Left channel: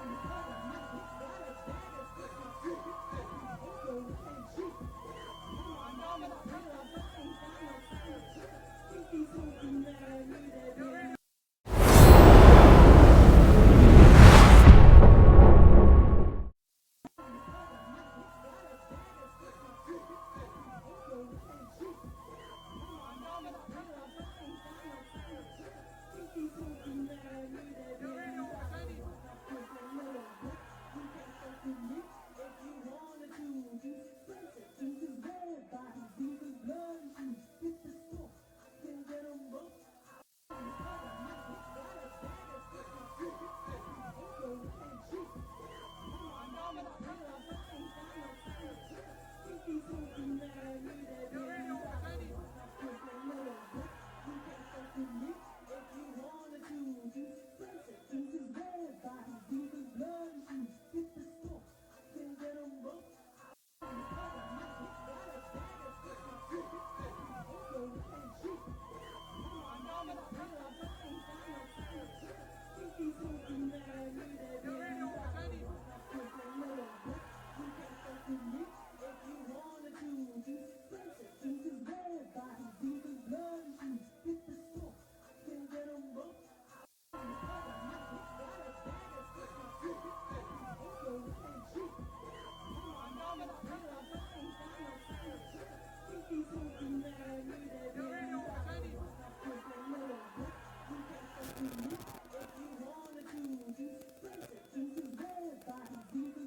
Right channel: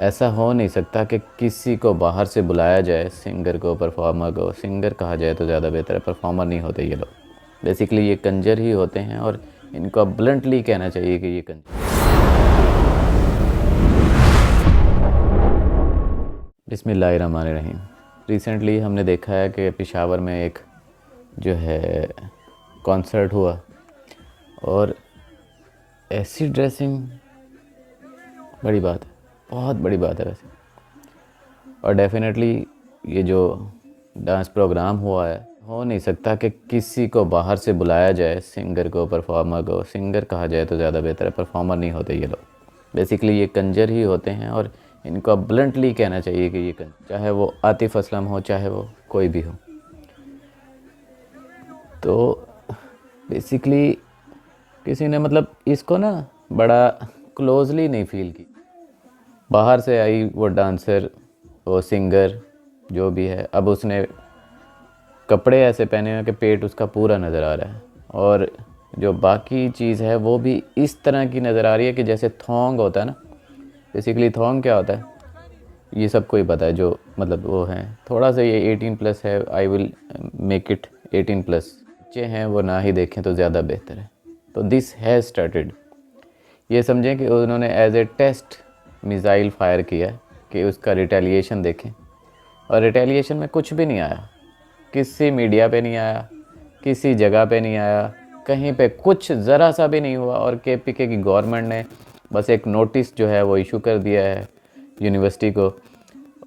ऐसा हो नहीं सकता कि किसी को बाहर से बुलाया जाए, सिंगर को, परफॉर्मर को। सिंगर कहा जाए तो ज़्यादा बेहतर है, परफॉर्मर नहीं होते ये लोग। बेसिकली ये कंजर ही होते हैं और इनको अब ब्लंटली कहना चाहिए कि ये कंजर। बिस्मिल्लाहिर्रहमानिर्रहीम। रिसेंटली हमने देखा है कि पेशावर में एक जो है कॉन्सर्ट हुआ और ऐसी ड्रेसिंग, बड़ी बात है, बहुत बड़ी बात है वैसे। और डेफिनेटली ये जो डांस प्रोग्राम हुआ है, हो नहीं सकता कि किसी को बाहर से बुलाया जाए, सिंगर को, परफॉर्मर को। सिंगर कहा जाए तो ज़्यादा बेहतर है, परफॉर्मर नहीं होते ये लोग। बेसिकली ये कंजर ही होते हैं और इनको अब ब्लंटली कहना चाहिए कि ये कंजर, चाहे वो आतिफ असलम हो, चाहे वो कोई भी हो। तो बेसिकली किसी ने मतलब इसको ना बड़ा क्लोजली नहीं फील की। बाहर से आई वो डांसर, वो सिंगर, जो भी है, अब उसने कपड़े ऐसे पहने हैं कि पेट उसका पूरा नज़र आ रहा है और जो बाकी चीज़ है वो भी इस तरह की नज़र आ रही है कि जैसे थोंग होता है ना। बेसिकली थोंग क्या होता है ये सबको ही पता है, जो मतलब वो है थोड़ा सा ये 18+ है। I will make it 18+। बच्चे हैं वो ना ही देखें तो ज़्यादा बेहतर है। तो दिस हैज़ स्टार्टेड, ये समझें कि उन्होंने as a test missile fire किया कि उसका रिटेलिएशन देखें। और रिटेलिएशन में कुछ भी नहीं आया, किसी मीडिया पे नहीं आया, किसी जगह पे नहीं आया, कहीं पे कुछ ज़रा सा भी नहीं हुआ। और केपीके की गवर्नमेंट ने बस एक नोटिस जो है वो इशू कर दिया है यूनिवर्सिटी को,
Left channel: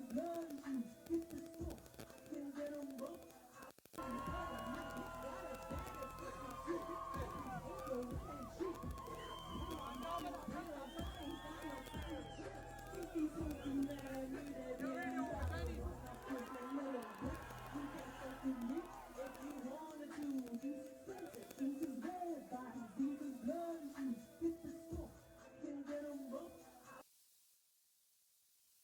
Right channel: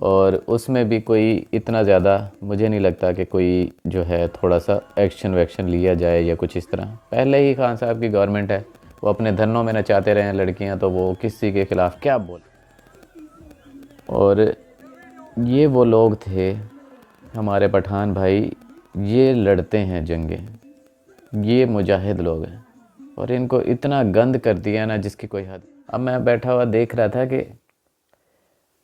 और उसमें भी कोई इतना ज़्यादा मुझे नहीं लगता कि कोई जो है थोड़ा सा एक्शन वैक्शन लिया जाए या कुछ इस तरह। पहले ही खान साहब की गवर्नमेंट है, वो अपने धरनों में नचाते रहे हैं लड़कियां, तो वो किसी के ख़िलाफ़ क्या बोले। और ये वो लोग थे हमारे पठान भाई, ये लड़ते हैं जंगें, ये मुजाहिद लोग हैं और इनको इतना गंद कर दिया ना जिसकी कोई हद। अब मैं बैठा हुआ देख रहा था कि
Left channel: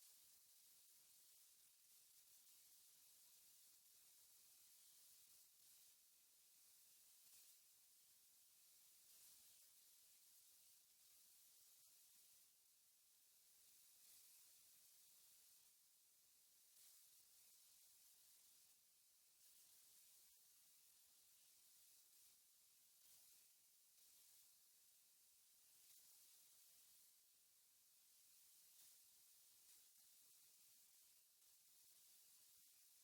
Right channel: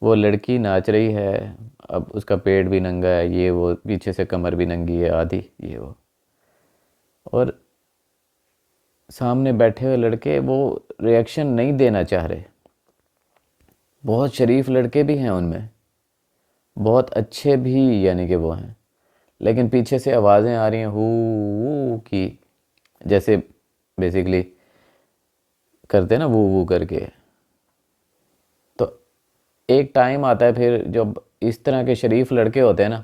वो लड़की नाच रही है, अब उसका पेट भी नंगा है, ये वो पीछे से कमर भी नंगी है आधी, ये वो। और सामने बैठे हुए लड़के वो रिएक्शन नहीं देना चाह रहे। बहुत शरीफ लड़के भी हैं उनमें, बहुत अच्छे भी यानी कि वो हैं, लेकिन पीछे से आवाज़ें आ रही हैं हू की, जैसे बेसिकली करते हैं ना वू वू करके। तो एक टाइम आता है फिर जब इस तरह के शरीफ लड़के होते हैं ना,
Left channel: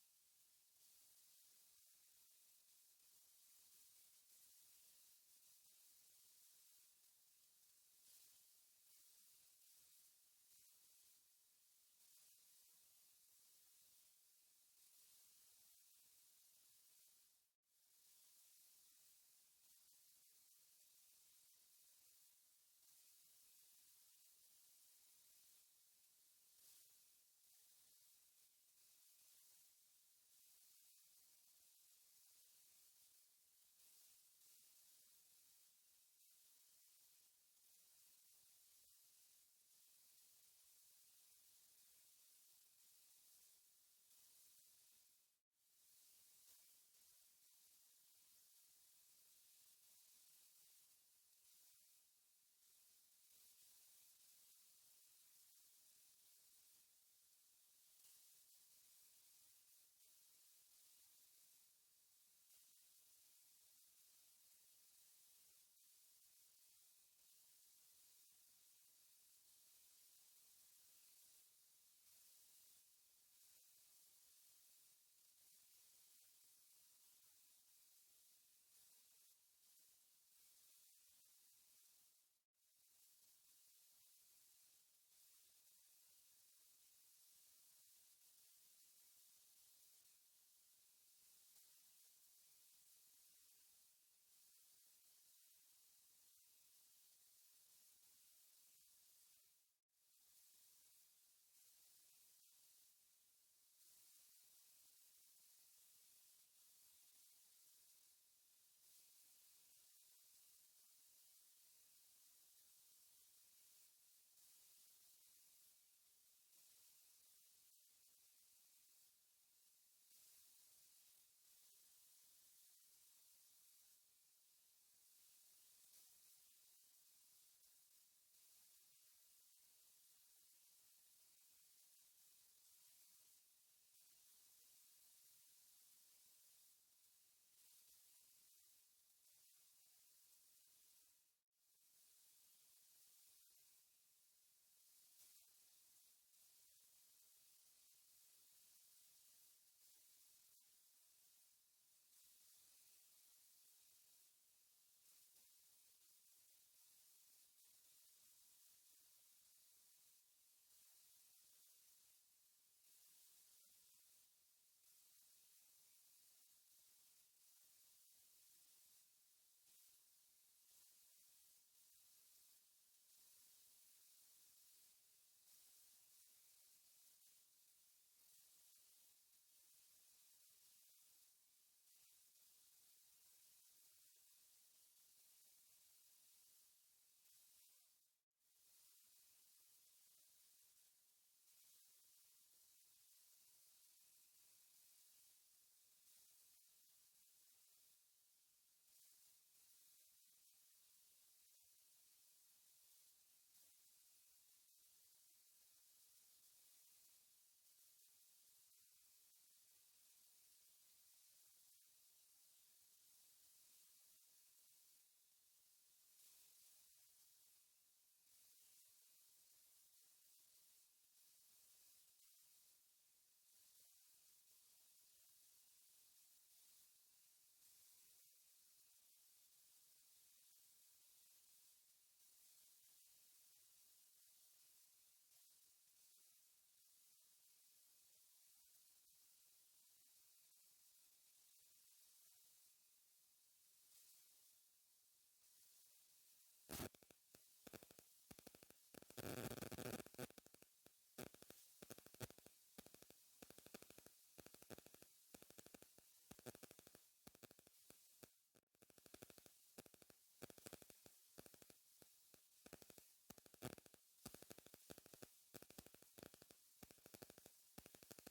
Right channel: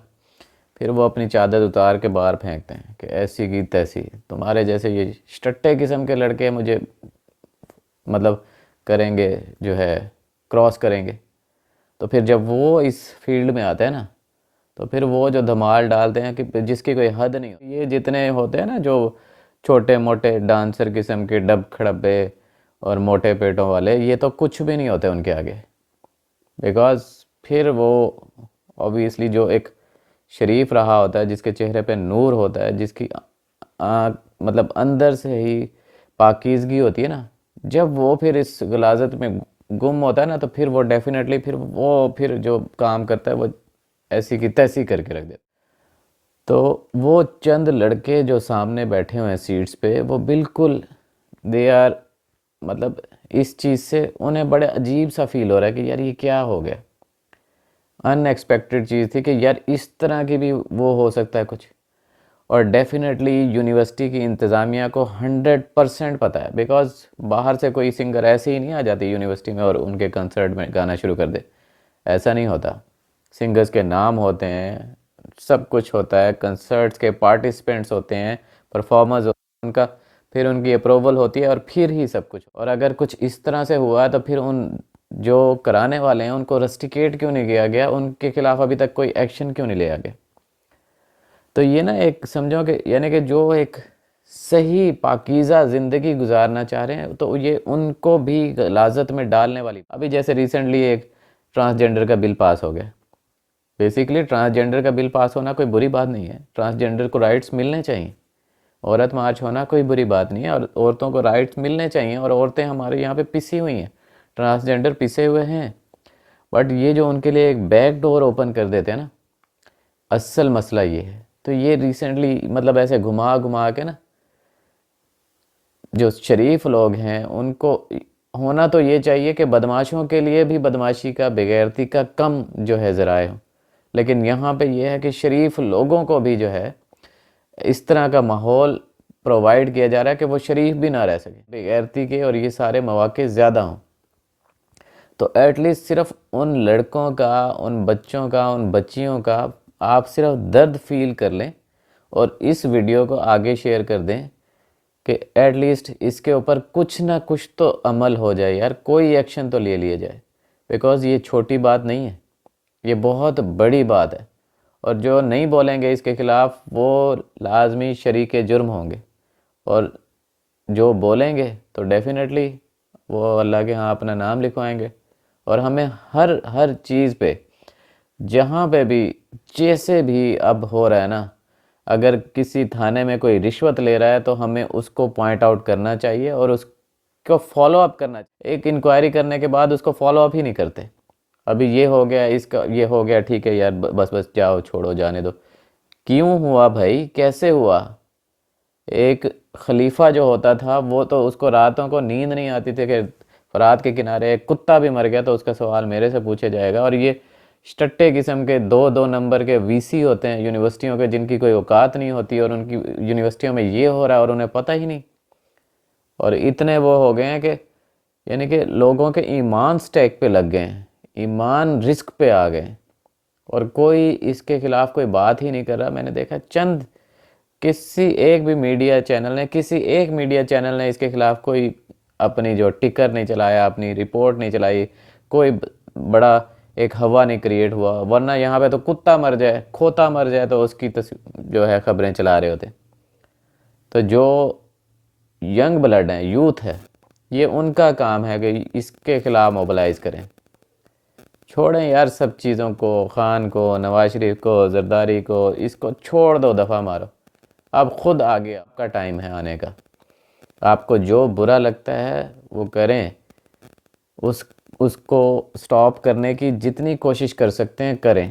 फिर वो अपनी चादर उतार के बाहर फेंकते हैं कि ऐसी की तैसी। तुम्हारे जैसे ये स्टट्टे किस्म के लड़के मुझे मतलब करेंगे, जो है क्रॉस करेंगे। तो फिर जब वो इस फील्ड में आते हैं ना, तो फिर वो जो धमाल डालते हैं कि जिसकी कोई हद नहीं हो। ये जितने होते हैं ना जो छोटे मोटे डांसर किस्म के डब खड़ब्बे और मोटे पेटों वाले, ये तो कुछ भी नहीं होते उनके आगे। बिकॉज फिर वो ऑब्वियसली जो एक शरीफ रहा होता है, जिसके चेहरे पे नूर होता है, जिसकी मतलब अंदर से ही पाकीज़गी होती है ना, जब वो फिर इस गलाजत में गुम होता है ना, तो फिर वो डेफिनेटली फिर जो काम करता है वो ऐसी की तैसी करके रख देता। तो वो चंद लड़के जो सामने बैठे हुए हैं सीट्स पे, वो बिल्कुल दे आर मतलब इस चीज़ से उन्हें बड़े अजीब सा फील हो रहा है कि यार ये क्या हो गया। अनएक्सपेक्टेड चीज़ थी कि यार इस तरह की भी वो हो सकता है कुछ। और डेफिनेटली यूनिवर्सिटी की इंतज़ामिया को 100% पता है, बिकॉज़ बाहर से कोई सिंगर ऐसे ही नहीं आ जाती यूनिवर्सिटी में और उनके कंसर्ट में गाना शुरू कर दे। ऐसा नहीं होता। सिंगर्स के नाम होते हैं, सब कुछ होता है, कंसर्ट्स के पार्टिसिपेंट्स होते हैं, परफॉर्मर्स होते हैं, उनका फिर उनकी अप्रूवल होती है और फिर ही सब कुछ। और अगर कुछ इस तरह से हुआ तो फिर उन जो कराने वाले हैं उनको रस्टिकेट क्यों नहीं किया गया, उनके खिलाफ अभी तक कोई एक्शन क्यों नहीं लिया गया। तो ये ना एक समझो कि यानी कि जो एक सही पाकीज़ा ज़िंदगी गुजारना चाह रहे हैं, तो ये उनको भी गलाजत में डालने वाली। अभी जैसे रिसेंटली एक ट्रांसजेंडर का बिल पास हो गया। बेसिकली ट्रांसजेंडर का बिल पास होना कोई बुरी बात नहीं है, ट्रांसजेंडर को राइट्स मिलने चाहिए। औरत मार्च होना कोई बुरी बात नहीं है, और औरतों को राइट्स मिलने चाहिए। और औरतें हमारे यहाँ पे पिसी हुई हैं, ट्रांसजेंडर पिसे हुए हैं। बट ये जो उनके लिए एक बैक डोर ओपन कर देते हैं ना, असल मसला ये है। तो ये रिसेंटली मतलब ऐसे घुमा घुमा के ना जो शरीफ लोग हैं उनको होना तो ये चाहिए कि बदमाशों के लिए भी बदमाशी का, बेगैरती का कम जो है ज़राए हो, लेकिन यहाँ पे ये है कि शरीफ लोगों को भी जो है इस तरह का माहौल प्रोवाइड किया जा रहा है कि वो शरीफ भी ना रह सके, बेगैरती के और ये सारे मौके ज़्यादा हों। तो एटलीस्ट सिर्फ उन लड़कों का, उन बच्चों का, उन बच्चियों का आप सिर्फ दर्द फील कर लें और इस वीडियो को आगे शेयर कर दें कि एटलीस्ट इसके ऊपर कुछ ना कुछ तो अमल हो जाए यार, कोई एक्शन तो ले लिया जाए। बिकॉज़ ये छोटी बात नहीं है, ये बहुत बड़ी बात है, और जो नहीं बोलेंगे इसके ख़िलाफ़ वो लाजमी शरीक जुर्म होंगे, और जो बोलेंगे तो डेफिनेटली वो अल्लाह के यहाँ अपना नाम लिखवाएंगे। और हमें हर हर चीज़ पे, जहाँ पे भी, जैसे भी अब हो रहा है ना, अगर किसी थाने में कोई रिश्वत ले रहा है तो हमें उसको पॉइंट आउट करना चाहिए और उसको फॉलो अप करना चाहिए। एक इंक्वायरी करने के बाद उसको फॉलो अप ही नहीं करते। अभी ये हो गया, इसका ये हो गया, ठीक है यार, बस बस जाओ, छोड़ो, जाने दो। क्यों हुआ भाई, कैसे हुआ? एक खलीफा जो होता था वो तो, उसको रातों को नींद नहीं आती थी कि फरात के किनारे एक कुत्ता भी मर गया तो उसका सवाल मेरे से पूछा जाएगा। और ये स्टट्टे किस्म के 2-2 नंबर के वीसी होते हैं यूनिवर्सिटियों के, जिनकी कोई औकात नहीं होती, और उनकी यूनिवर्सिटियों में ये हो रहा है और उन्हें पता ही नहीं। और इतने वो हो गए हैं कि यानी कि लोगों के ईमान स्टैक पे लग गए हैं, ईमान रिस्क पे आ गए, और कोई इसके खिलाफ कोई बात ही नहीं कर रहा। मैंने देखा चंद, किसी एक भी मीडिया चैनल ने, किसी एक मीडिया चैनल ने इसके खिलाफ कोई अपनी जो टिकर नहीं चलाया, अपनी रिपोर्ट नहीं चलाई, कोई बड़ा एक हवा नहीं क्रिएट हुआ। वरना यहाँ पे तो कुत्ता मर जाए, खोता मर जाए तो उसकी जो है खबरें चला रहे होते। तो जो यंग ब्लड है, यूथ है, ये उनका काम है कि इसके खिलाफ मोबिलाइज करें। छोड़ें यार सब चीज़ों को, खान को, नवाज शरीफ को, जरदारी को, इसको छोड़ दो, दफ़ा मारो। अब खुद आगे आपका टाइम है आने का। आपको जो बुरा लगता है वो करें, उस उसको स्टॉप करने की जितनी कोशिश कर सकते हैं करें।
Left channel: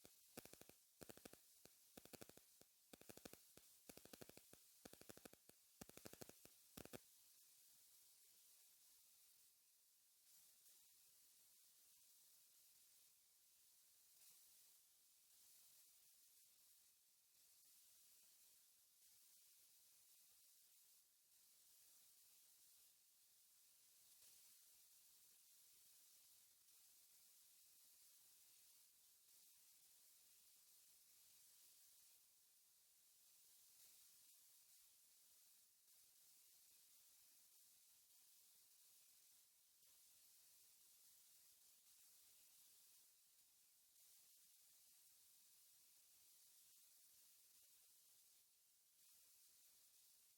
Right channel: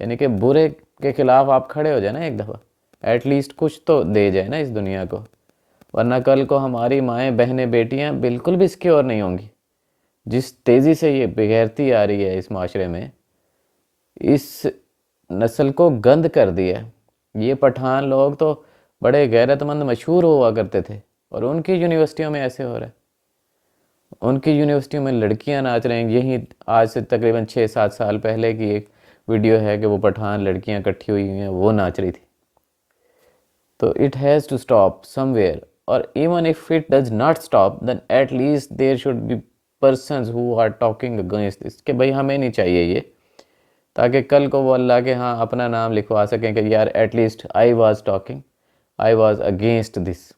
यानी कि बुरे के खिलाफ आप खड़े हो जाए ना एक दफ़ा, एटलीस्ट कुछ तो दे जाए ना इस दुनिया को। वरना कल को हमारी माएँ, बहनें, बेटियां बिल्कुल भी सिक्योर नहीं होंगी। जिस तेज़ी से ये बेगैरती आ रही है इस माशरे में, इस नस्ल को गंद कर दिया है। ये पठान लोग तो बड़े गैरतमंद मशहूर हुआ करते थे, और उनकी यूनिवर्सिटियों में ऐसे हो रहा है। उनकी यूनिवर्सिटियों में लड़कियां नाच रही हैं। यही आज से तकरीबन 6-7 साल पहले की एक वीडियो है कि वो पठान लड़कियां इकट्ठी हुई हैं, वो नाच रही थी। तो it has to stop somewhere, और even if it does not stop then at least there should be persons who are talking against this, कि भाई हमें नहीं चाहिए ये, ताकि कल को वो अल्लाह के हाँ अपना नाम लिखवा सकें कि यार at least I was talking, I was against this.